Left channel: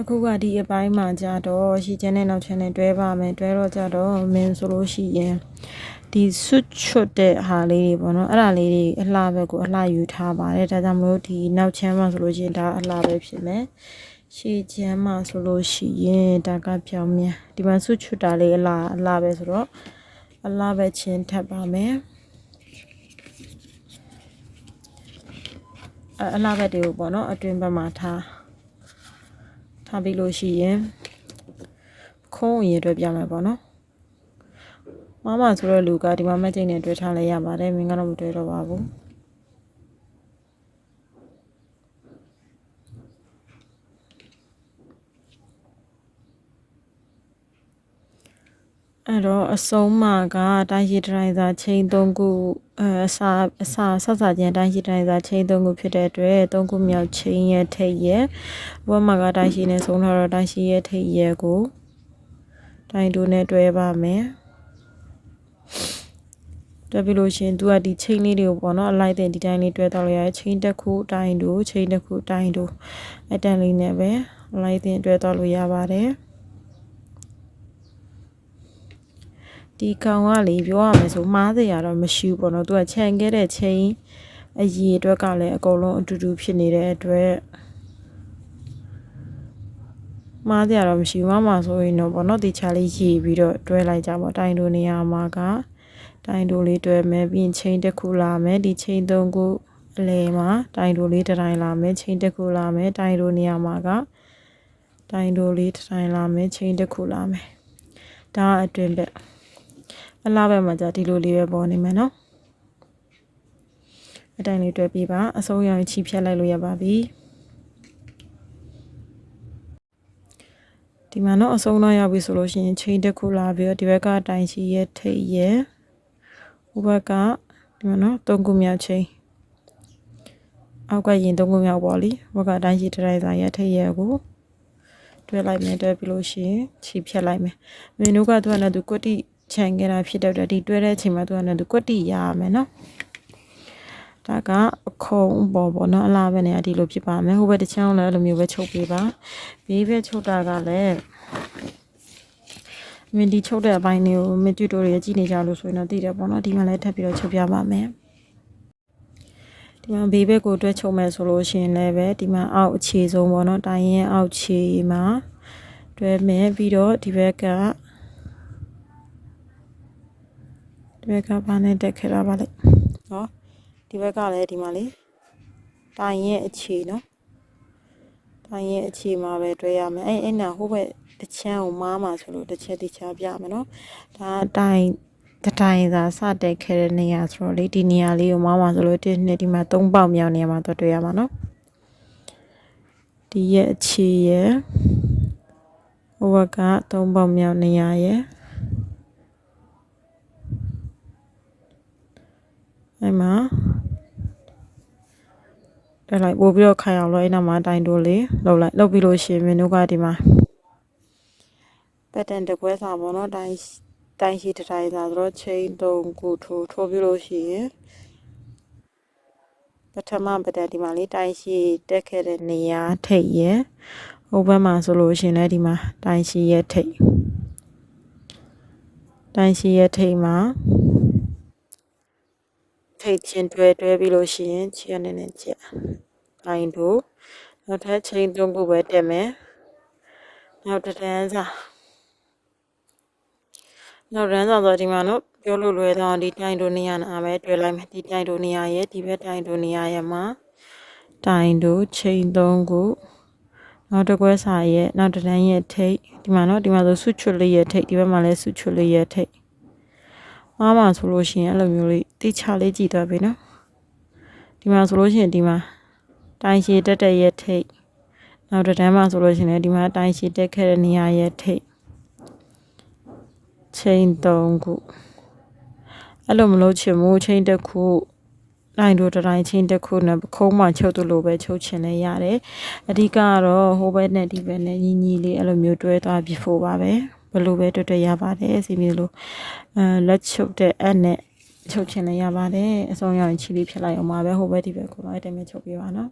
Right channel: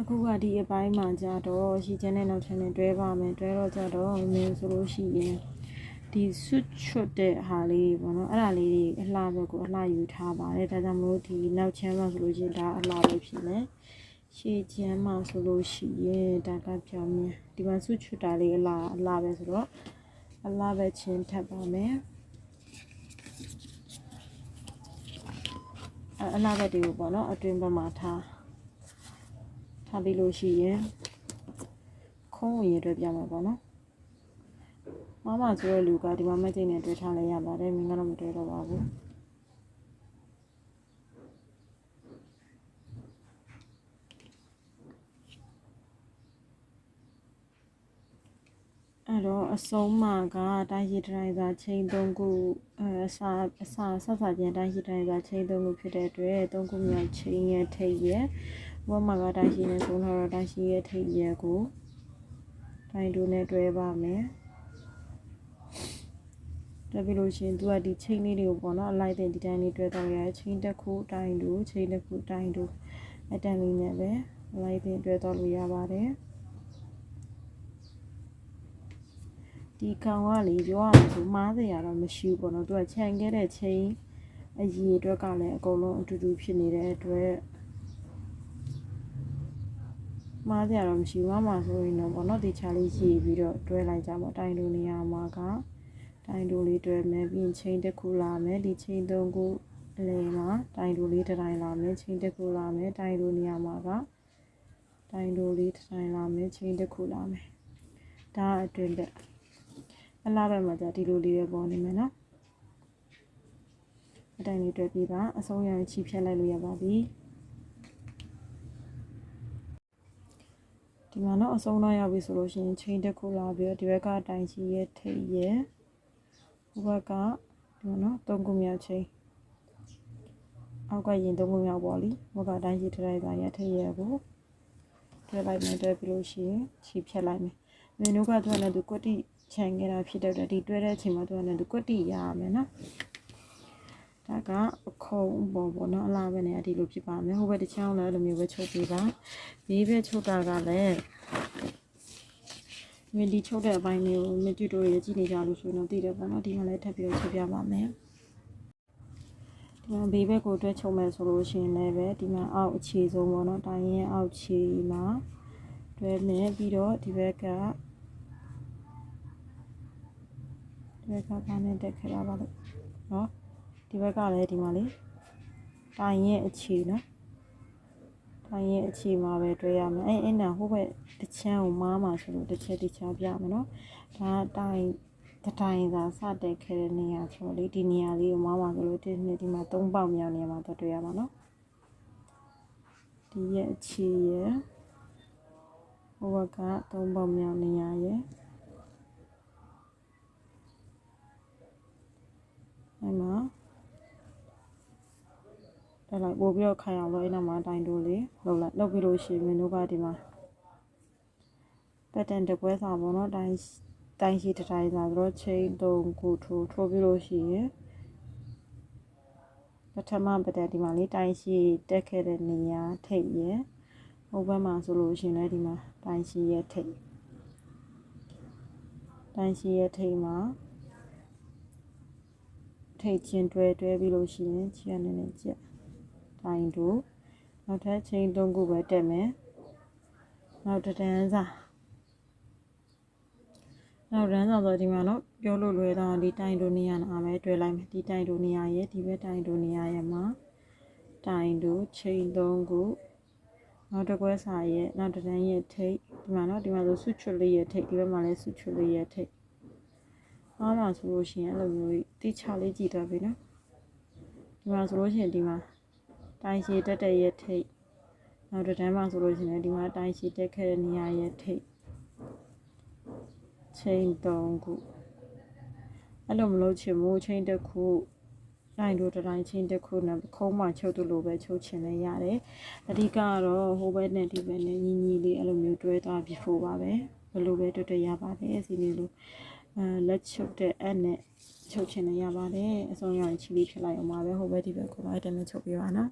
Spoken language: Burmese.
အခုကဒီအပိုင်းမှာကြတော့ရှီချမ်းနဲ့နောက်ချမ်းနဲ့တွဲပါမယ်တွဲတော့ကြတော့မင်းဆိုလို့ရှိရင်ဒီဆွတ်ချွတ်တဲ့ဟာလေးတွေပေါ့နော်အဲ့ဒါလေးတွေအလှဘက်ကိုအလှယူထားပါတယ်ဒါကြောင့်မလို့ဒီနောက်ချမ်းမှာဆိုလို့ရှိရင်ဒါအလှပဲဖြစ်မယ်ရှီချမ်းမှာဆိုလို့ရှိရင်ဒါကပြောင်းမြန်ဒီမှာဆွတ်ချွတ်တာလေးအလှပဲဆိုတော့အလှပဲချင်းထပ်ပါမယ်အလှဘက်တွေကိုပေါ့နော်အတွင်းဘက်မှာထားပြီးလို့ရှိရင်ခုံးရည်အတွက်ပြမယ်ပေါ့နော်မဆိုတဲ့လူကဒီမှာမကျိတ်နဲ့တွဲထားလဲရပါတယ်မင်းကတော့မတွဲတော့ပါဘူးအဲ့တော့အဆုံးမှာကတိုင်းရှိတိုင်းသာချိန်3ခုအစာချင်းတိုင်းရှိတိုင်းသာချိန်3ခုဖြစ်တဲ့အတွက်3ခုမြောက်ချိန်ရဲ့ထိပ်ရဲ့ဘဝမှာကတိုင်းရှိနဲ့ဆုံးထားတော့တိုင်းရှိရဲ့ထိပ်ရဲ့ကိုတိုင်းတို့နဲ့တွဲပါမယ်တွဲပြီးလို့ရှင်သူကဒီချိန်လေးတွေကိုပေါ့နော်အလိုက်တဲ့ဒီတိုင်းလေးတွဲတော့ရရဲ့ချိန်တစ်ခုတိုင်းတို့ချိန်တစ်ခုတိုင်းတို့အတန်လေးနဲ့ပဲအလိုက်တဲ့တွဲတော့လို့ရပါတယ်ဒီကောင်ကလေပြောရမယ်ဆိုမှားစရာတော့မရှိဘူးပေါ့နော်သူကခြံခဲ့တဲ့ချိန်အရေးအတွက်ကလည်းအကုန်လုံးအတူတူဖြစ်နေတဲ့အတွက်မှားစရာတော့မရှိဘူးမှဆိုရင်တော့ပေါ့နော်ဒီချာလေးရေးပြီးတော့တွဲလိုက်ကြပါတိုင်းတို့နေရာမှာကတိုင်းတို့လေးတွဲမယ်ပြီးရင်ချိန်တစ်ခုလာမယ်ဒီချိန်3ခုအလဲမှာတိုင်းတို့လေးတစ်တိုင်းလာမယ်ချိန်တစ်ခုလာမယ်တိုင်းတို့နေရာမှာကတိုင်းတို့လေးတစ်တိုင်းလာမယ်ချိန်တစ်ခုလာမယ်ဒါအတွင်းဘက်အလားပဲမှာじゃဒီလိုလေးပဲပေါ်နေမယ်နော်အတိုင်းလေးတွဲပြပါအဆုံးရောင်ချီဖြတ်လိုက်လို့ရပါပြီဒီမှာတော့အဆုံးတော့ရောက်ပြီဆိုလို့ရှိရင်ချိန်တစ်ခုလာပြီးတော့ဒီဘက်ကအတိုင်းရှိရဲ့ထိပ်ရဲ့ဟိုဘက်ကဒီမှာနော်3ခုမြောက်ချိန်အောက်ကရင်3ခုမြောက်ပေါ့လीဘက်ကအတိုင်းရှိတိုင်းစာရဲ့ထိပ်ရဲ့ကိုတွဲလိုက်မယ်တွဲပြီးလို့ရှိရင်ချီဖြတ်လိုက်မယ်မင်းတို့ကသူကလည်းသူကွတိခြံခဲ့တာဖြစ်တဲ့ဒီတွဲတဲ့အချိန်မှာသူကလည်းသူကွတိရရမယ်နော်ဒါကအခုံပေါ့နော်အလားပဲနေရာဒီလိုဖြစ်ပါမယ်ဟိုဘက်တစ်ချောင်းလည်းအဲ့လိုမျိုးပဲချုပ်ပေးပါဘေးဘက်ချုပ်တာကလည်းမင်းဒီချုပ်တဲ့အပိုင်းလေးကိုမင်းတူတိုတွေကြည့်နေကြလို့ဆိုရင်တော့သိတယ်ပေါ့နော်ဒီမှာလည်းထပ်ပြီးတော့ချုပ်ပြပါမယ်ဒီမှာဘေးဘက်ကိုတွဲချုပ်မယ်ဆိုလို့ရှိရင်လည်းပဲဒီမှာအောက်အခြေဆုံးပေါ့နော်တိုင်းရင်အောက်ခြေမှာတွဲမယ်ပြီးတော့ဒီဘက်ကဘာနဲ့တက်ခဲ့တာပါလဲဟောဒီဘက်ကလည်းဒီမှာလေတိုင်းရဲ့အခြေနော်တိုင်းရဲ့အခြေမှာပဲတွဲရမယ်အဲ့နာဟိုဘက်တစ်ချမ်းကိုမားမှာဆိုလို့တစ်ချက်ပြမယ်နော်ဒါတိုင်းသာစတက်ခဲ့တဲ့နေရာဆိုတော့လေဒီနေရာလေးကိုမားမှာဆိုလို့1 2ဒီမှာ3ပေါက်မြောက်နေရာမှာတော့တွေ့ရမှာနော်ဒီရဲ့အခြေရဲ့ဟိုဘက်က3ပေါက်မြောက်နေရာရဲ့အဲ့မှာတက်လိုက်ပို့ပြီးတော့ခိုင်အောင်လို့အဲ့နောက်မှာတိုင်းတိုးလေးလုပ်ပြီးလို့ရှိရင်မင်းတို့ကဒီမှာပတ်တန်တကွဲစာပေါ့နော်တိုင်းရှိတစ်တိုင်းစာဆိုတော့ချိန်3ခုထိုးပြီးလို့ရှိရင်ပထမပတ်တန်ဒီမှာလေးတိုင်းရှိတက်ခဲ့တဲ့နေရာထိပ်ရဲ့ဟိုဘက်မှာဆိုလို့ရှိရင်လည်းဒီမှာတိုင်းရှိရဲ့ထိပ်မှာထိပ်ချင်းတွဲပြီးလို့ရှိရင်ချီရနေချက်တိုင်းတို့နောက်ထပ်ချိန်3ခုပဲတက်မယ်နောက်တန်းစာဆိုဒီမှာနော်ပြောလို့လွယ်တော့ဒီတိုင်းတို့နေရာနာပဲတွေ့လိုက်မယ်ဒီတိုင်းတို့နေရာရဲ့ဒီဘက်တိုင်းတို့နေရာရဲ့မှာတိုင်းတို့ချိန်3ခုနောက်တစ်ခွဲစာရဲ့နောက်တန်းရဲ့ထိပ်ဒီမှာနော်ဒီမှာဆိုဆွချွတ်လေးရဲ့ထိပ်ဒီဘက်မှာလည်းဆွချွတ်လေးရဲ့ထိပ်မှာဆိုလို့ရှိရင်အဲ့လိုမျိုးလေးတိချလေးကြည့်သွားပြီနော်ဒီမှာဆိုလို့ရှိရင်ဒီမှာတိုင်းရှိတက်ရဲ့ထိပ်နောက်တန်းမှာဆိုလို့ရှိရင်ဒီမှာတိုင်းရှိတက်ခဲ့တဲ့နေရာရဲ့ထိပ်ချိန်3ခုအဲ့လိုမလို့ချင်ဘူးချိန်တစ်ခုတိုင်းတို့တိုင်းချိန်တစ်ခုနဲ့ခုံးမှချုပ်သလိုပဲချုပ်ချင်လဲရတယ်အဓိကကတော့ဟိုဘက်နဲ့ဒီဘက်နဲ့ညီလေးအဲ့လိုမျိုးတွဲသွားပြီးဖို့ပါပဲဘယ်လိုပဲတွေ့ရပါတယ်စီမီလိုလက်ချုပ်တဲ့အနဲ့ချုပ်ချင်လဲရပါတယ်အဆုံးရောင်ချီလေးဖြစ်လိုက်အောင်ပါပဲဟိုဘက်ဒီဘက်ကိုလိုက်တယ်နဲ့ချုပ်ပြပါနော်